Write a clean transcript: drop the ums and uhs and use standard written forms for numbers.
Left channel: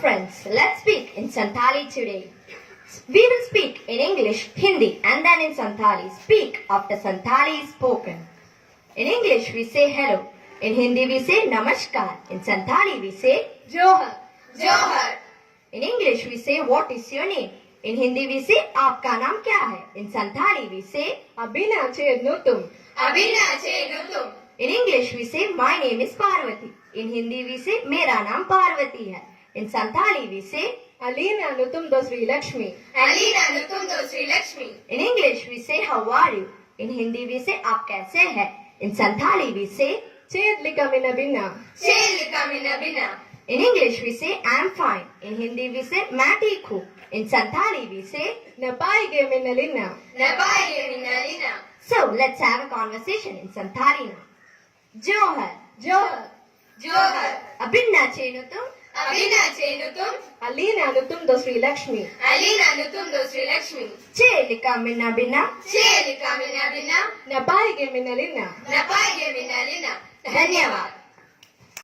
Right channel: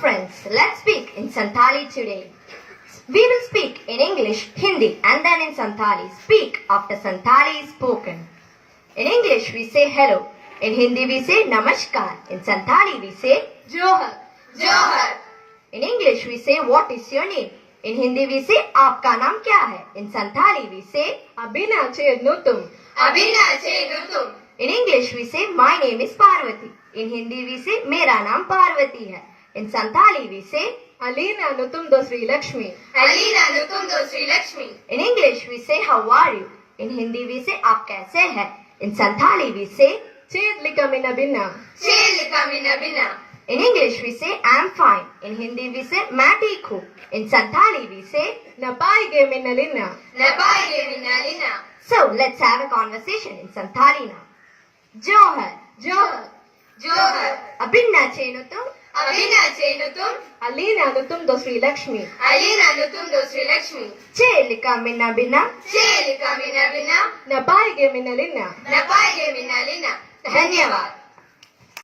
friends, let's speak in Santali today. We will speak in English, Hindi and then in Santali. Speak after Santali is spoken. In English we say hello. In Hindi we say namaskar. In Santali we say Johar. Johar. In English we say what is your name. In Hindi we say आपका नाम क्या है. In Santali we say Abina chenutum. Abina chenutum. In English we say my name is Parvati. In Hindi we say मेरा नाम पार्वती है. In Santali we say Alina nutum do Sri Lakshmi. Alina nutum do Sri Lakshmi. In English we say how are you. In Hindi we say आप कैसे हैं. In Santali we say Chedlika mina bina. Chelika mina bina. In English we say I'm fine. In Hindi we say मैं ठीक हूँ. In Santali we say Napaige mina lina. Napaige mina lina. So let's have a conversation in Santali now. Johar. Johar. Johar. Abinna chenutum. Abina chenutum. Alina nutum do Sri Lakshmi. Alina nutum do Sri Lakshmi. Chelika minna binna. Chelika mina bina. Napaige mina lina. Napaige mina lina. धन्यवाद.